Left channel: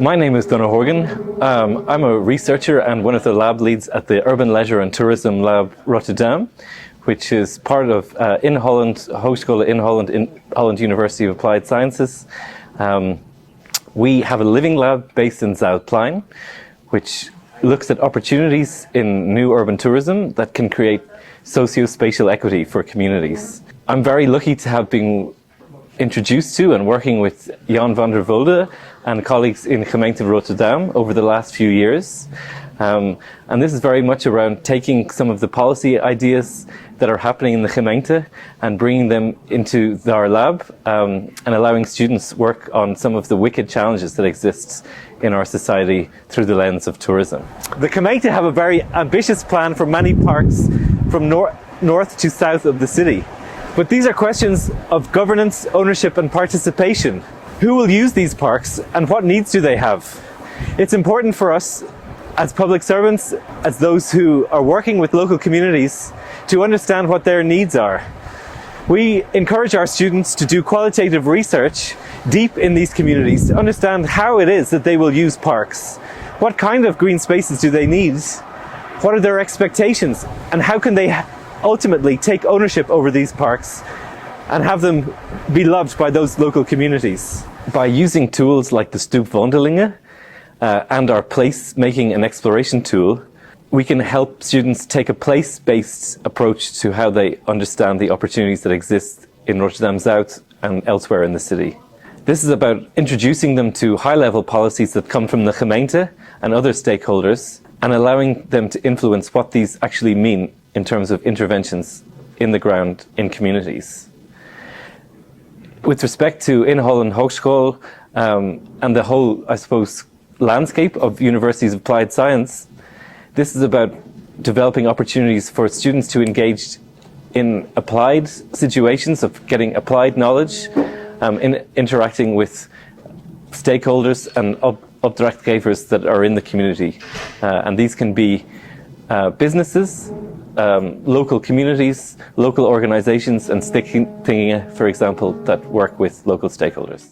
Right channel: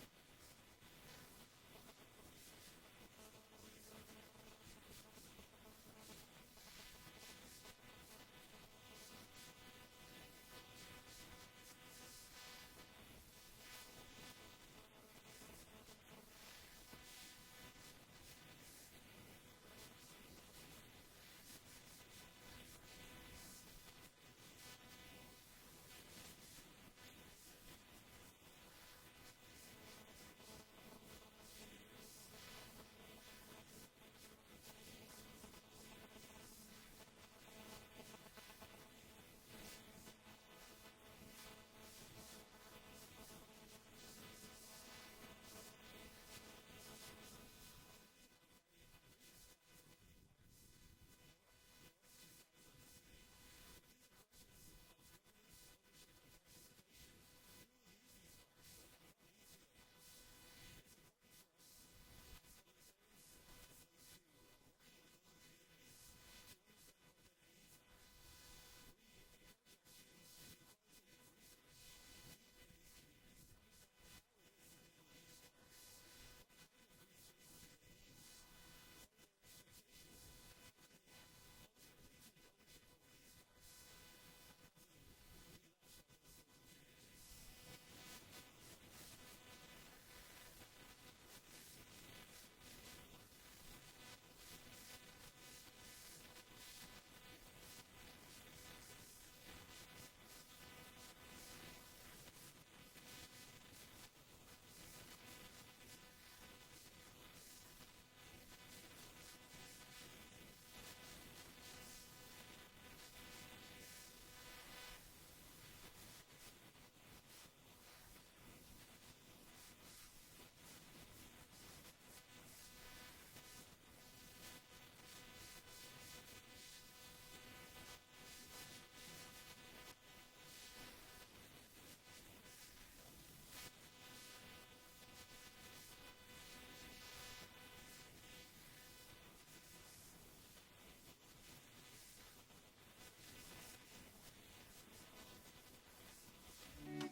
My name is Donagh Horgan. I'm a researcher and one of the lab leads at the Urban Leisure and Tourism Lab Rotterdam, which is part of in Holland, Hogeschool in Holland University of Applied Sciences. We have a living lab based in Zuidplein, which looks at opportunities in new urban tourism that can create socio-spatial equity for communities. I'm very lucky to have been introduced to and working with Jan van der Vulde and colleagues in Gemeente Rotterdam over the last few years. And this is very much around taking some of the policy ideas that are happening in the gemeente and bringing them into our lab and allowing students work on some of the wicked challenges that exist in our society through the lens of tourism. The gemeente have a very ambitious plan for many parks from north to south of the city. But these are questions of governance, ownership and participation. Who will use these parks and what needs do they have? It's important for us as public servants, as those who are working with local communities, to understand what their needs are. We encourage our students to do qualitative research deep in these communities to understand how it is that they will use parks. What kind of green spaces do they need? What are their expectations? And how can they ultimately take ownership over these parks and have them be loved by those local communities? By using tools like the Stoepwandelingen and our place-making and exploration tool, we can help students take a place-based approach to how they understand the opportunities that exist in Rotterdam Zuid and elsewhere in the city. This is about introducing them to high-level policies that come from the gemeente and other stakeholders and allowing them to influence what these actually mean in terms of interventions in the ground in communities. With respect to in Holland Hogeschool and the whole, I suppose, landscape of universities of applied science, this is about developing opportunities for students to engage in applied situations of getting applied knowledge, in interacting with stakeholders and opdrachtgevers that are in the community. And these can be businesses, local communities, local organizations and stichtingingen, for example, that work with local stakeholders.